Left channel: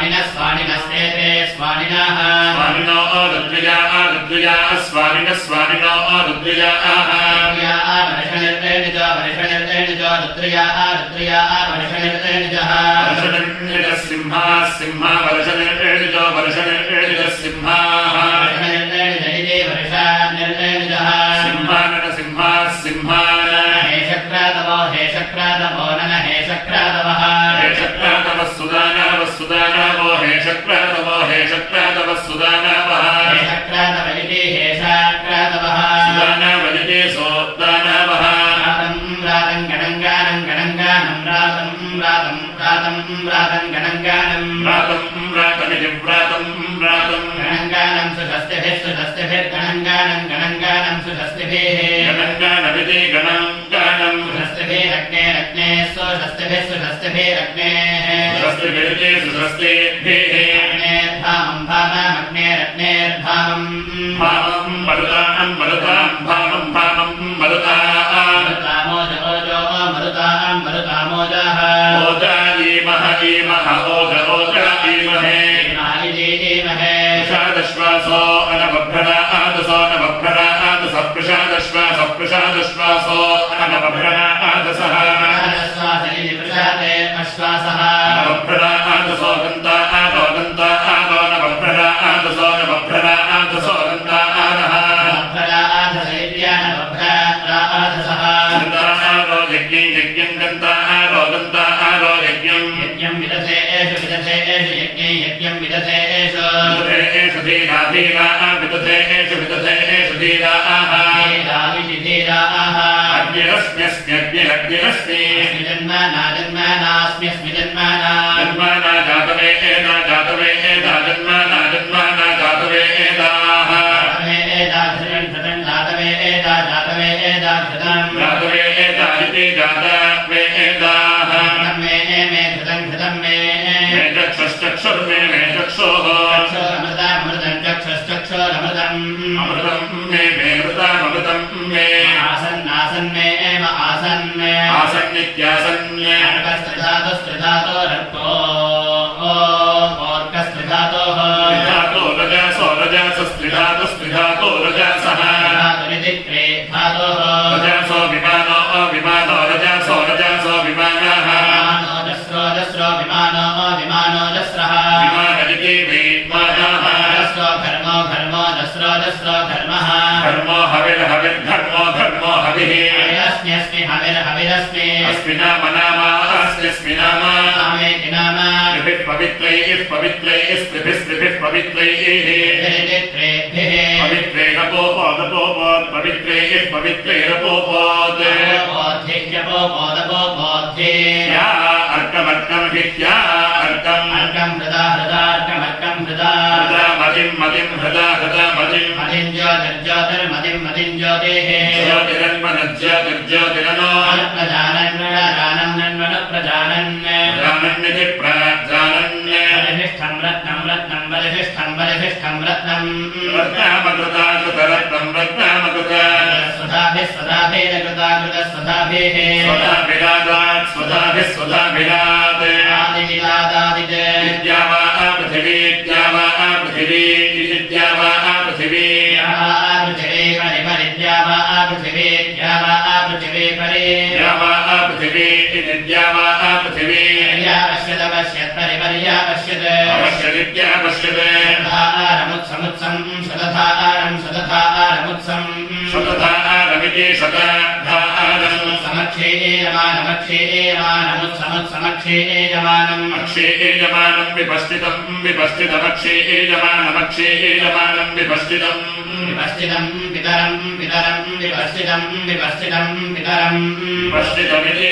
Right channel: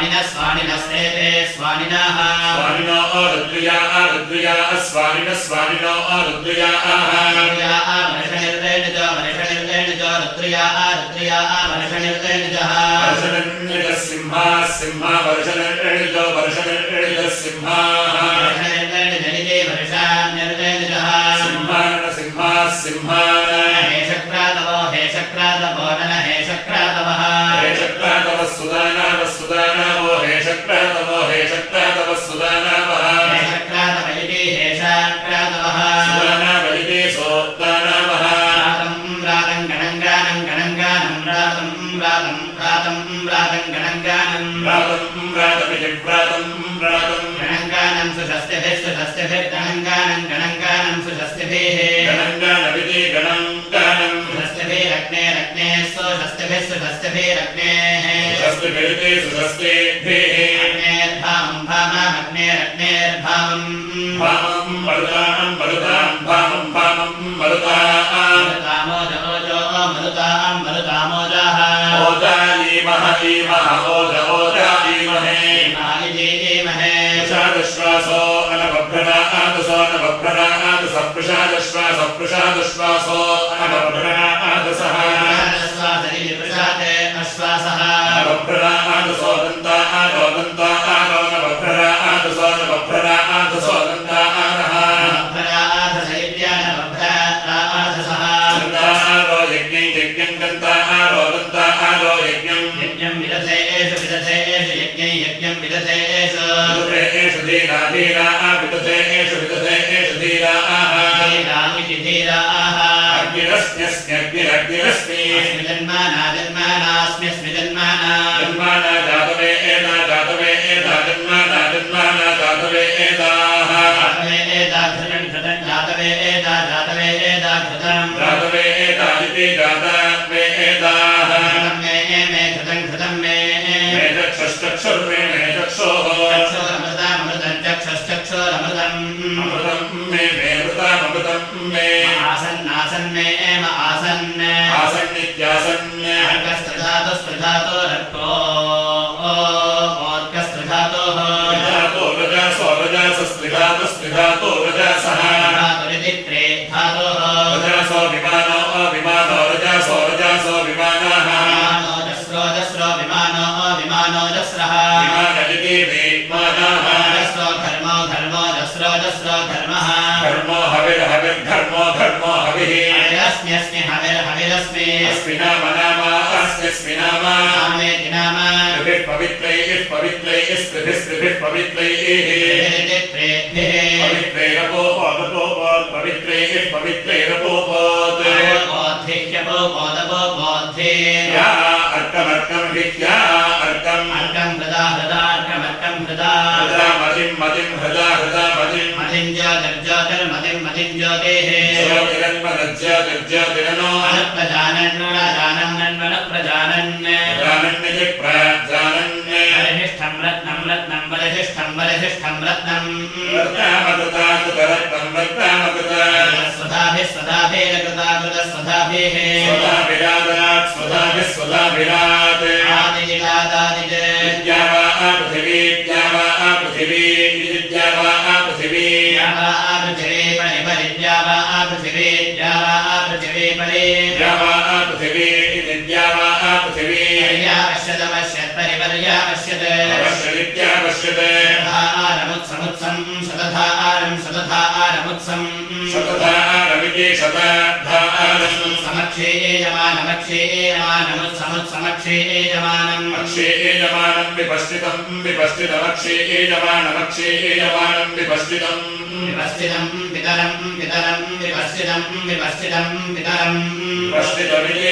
स्वामिनः स्वानिनस्तेते स्वानिनः स्वानिनो रुद्रया रुद्रया स्वानिनः स्वानिनो रुद्रया वर्षनिर्देणिजो वर्षनिर्देणिजो रुद्रया रुद्रया वर्षनिर्देणिजः वर्षनिर्देणिजः सिंहः सिंहः वर्षनिर्देणिजो वर्षनिर्देणिजः सिंहः वर्षनिर्देणिजनिजे वर्षनिर्देणिजः सिंहानन सिंहः सिंहान हे शक्रादवो नन हे शक्रादवः हे शक्रादवः सुदानवः सुदानवो हे शक्रादवो हे शक्रादवः सुदानवः हे शक्रादवैति हे शक्रादवः सुदानवैति सोदानवः रातं गणङ्गानं गणङ्गानं रातं गणङ्गानं व्रातमिति व्रातं गणङ्गानं सुषस्तिभिर्गणङ्गानं गणङ्गानं सुषस्तिभिः गणङ्गानमिति गणङ्गानं सुषस्तिभिरग्ने सुषस्तिभिः सुषस्तिभिरग्नेः सुषस्तिभिरिति सुषस्तिभिः अग्नेर्भाममग्नेरग्नेर्भामम् भामं मरुतां मरुतां भामं भामं मरुतां मरुतामोजः ओजायीमः ईमः ओजायीमहे प्रसादश्वासो अनवभ्रनादसो नवभ्रनादसः प्रसादश्वासो अनवभ्रनादसः नवभ्रनादसो दन्ता आरो नवभ्रनादसो दन्ता आनः यज्ञं दन्ता आरो यज्ञं विदधे एष यज्ञं विदधे एष एषु धीरा विदधे एषु धीराः अग्निरस्म्यस्म्यग्निरग्निरस्मि जन्मानास्म्यस्मि जन्माना जातवे एदा जन्माना जातवे एदाः जातवे एदा इति जातवे एदाः मे चक्षुर्मे मे चक्षोः चक्षुरमृतम् अमृतं मे मृतामृतं मे आसन्नासन्मे एव आसन् आसन्नित्यासन् स्त्रिधातो रजसः रजसो विमानो रजसो विमानः विमानो जस्रः विमानदिति विमानः घर्मः घर्मो हविर्घर्मो हविः अस्मि हविरस्मि अस्मि नाम अस्मि नाम पवित्रैः स्त्रिभिः पवित्रैः पवित्रैरपोपोत् या अर्कमर्कं हित्या अर्कं हृदा मदिं हृदा मदिं ज्योतिर्ज्योतेः ज्योतिरनो प्रजानन्निति प्रजानन्य वरिष्ठं रत्नं रत्नामकृता स्वधाभिः स्वधाभिरात् विद्या वा पृथिवी शतधारमिति शतधारम् समक्षेयमानम् अक्षेयमानम् विपश्चितमक्षेयमानमक्षेयमानम् विपश्चितम् पितरम् विपश्चितमिति